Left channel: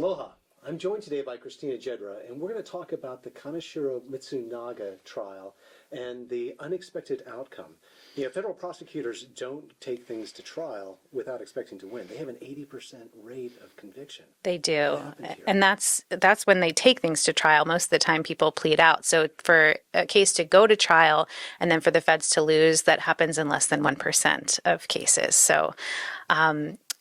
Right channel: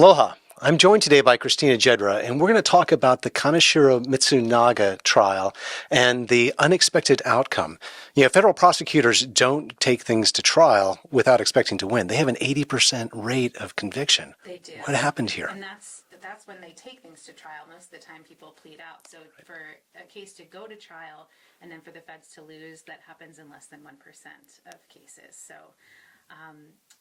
Aloha. I'm joined today by Christina Jedra, and we're going to talk about the Kaneshiro Mitsunaga trial and the unexpected outcome. You know, federal prosecutors don't take things to trial without expecting to win. They have an 80% rate of conviction. They do. What happened here? And that's when they take things to trial. Most of the time people plead out. So for a case to go to trial and then for the feds to lose, that happens in less than 1% of cases. So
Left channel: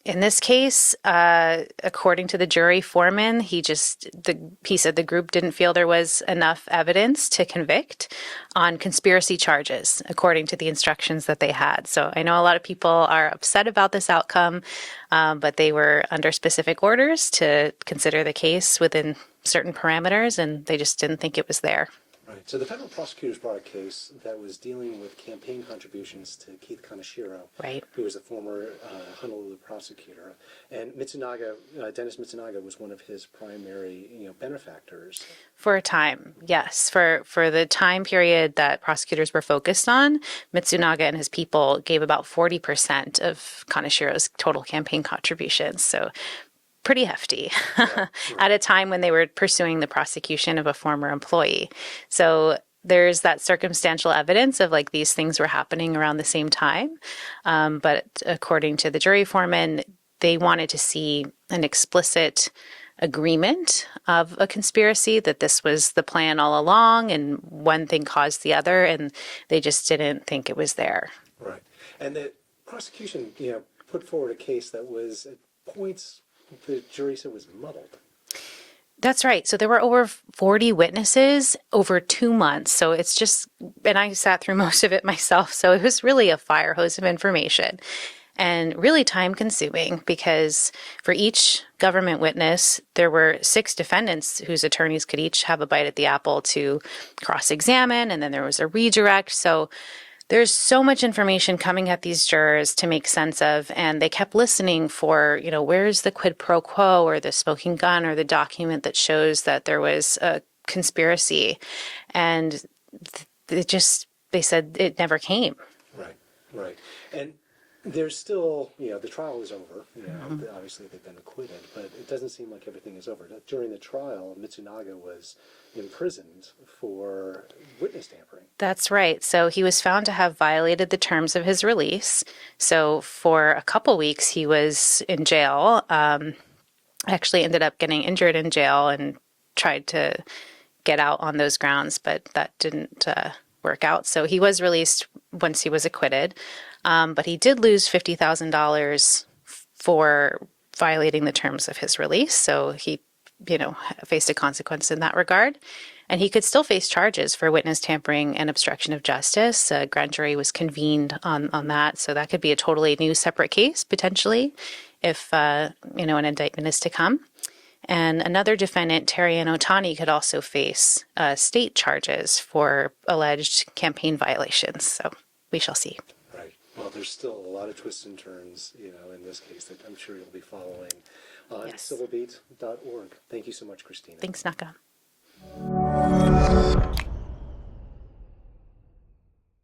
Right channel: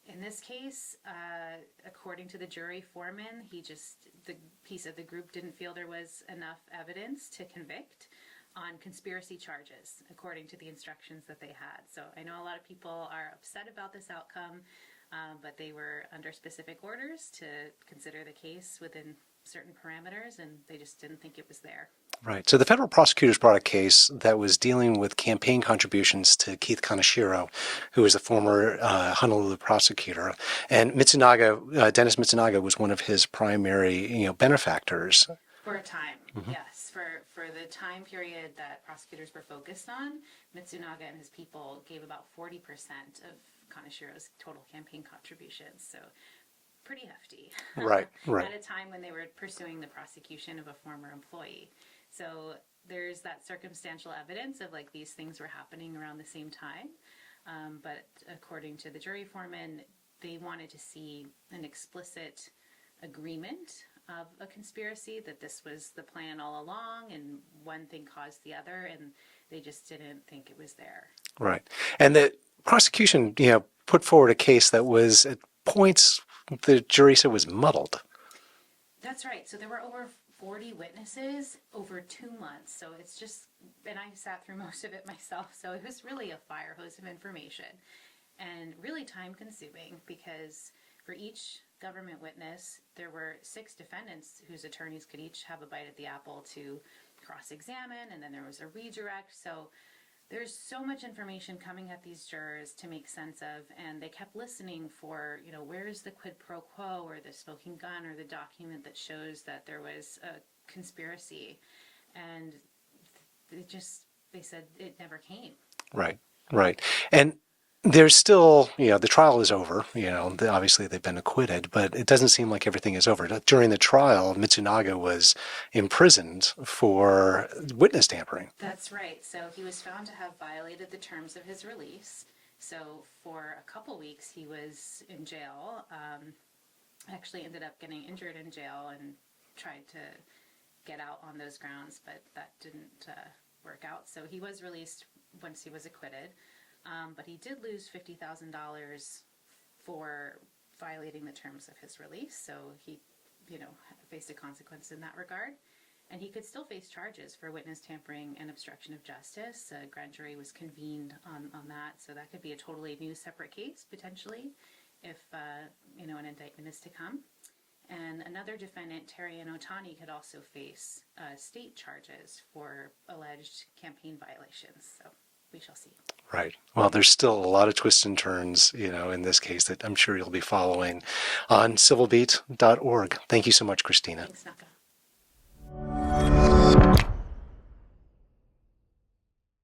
in this case, according to the jury foreman, he said the group didn't feel there was enough evidence to convict on conspiracy charges, according to the instructions that they had. So I know a lot of people are upset about this outcome, but they were under specific orders to consider the case within certain parameters, and they just didn't think it was there. Right. So the federal prosecutors brought a case that was dealing with campaign contributions to Keith Kaneshiro, who was a former Honolulu prosecutor. And Mitsunaga, Dennis Mitsunaga, was one of his primary, benefactors. For a time, yes. For the time period that prosecutors were focused on, Mitsunaga and his people gave about 40% of Kaneshiro's total campaign contributions. So pretty hefty right. at a time when they were pursuing the prosecution of a former employee. So there's that circumstantial evidence of like these things were happening around the same time. But according to the jury foreman, they wanted to see an explicit agreement of a conspiracy, that this was the plan all along and one thing caused the other, and they just didn't think it was there. Right. And the prosecution, put forward a case that was at points the jury said was muddled. That's right. So there were over 40 witnesses over 2 months. So it's just, and I sat through most of it myself. So it was really a fire hose of information and really time consuming, because for each government witness, there were 6 defendants whose attorneys could each have a bite at the apple to cross-examine. And then there was a redirect. So there's so much information coming at these jurors to make sense of, and they kept listening for, where's the quid pro quo or the smoking gun or the document that shows that there was a conspiracy. And they said it never came. Right. And there's still, the trial is over, obviously they've been acquitted, but it doesn't seem like everything is over. During the trial, Mitsunaga was imprisoned for witness tampering. That's right. So he was found to have violated the terms of his release. So for a couple weeks, he was in jail. Actually ended up getting injured in jail and tried to get out on those grounds, but that didn't work out. So he was released once he was acquitted. But he did lose $50,000 for violating the terms of his release. So he, faced a consequence in that regard. And he could still face charges for witness tampering and obstruction of justice. A grand jury was convened on that. So that could be a totally new separate case, potentially, if, an indictment is to come. And another defendant, Terry and Otani, could also face state charges for alleged campaign violations. So we shall see. Right. Well, there's still a lot of twists and turns, in this case that I'm sure you'll be following on civilbeat.org. Thank you so much, Christina. Thanks, Naka.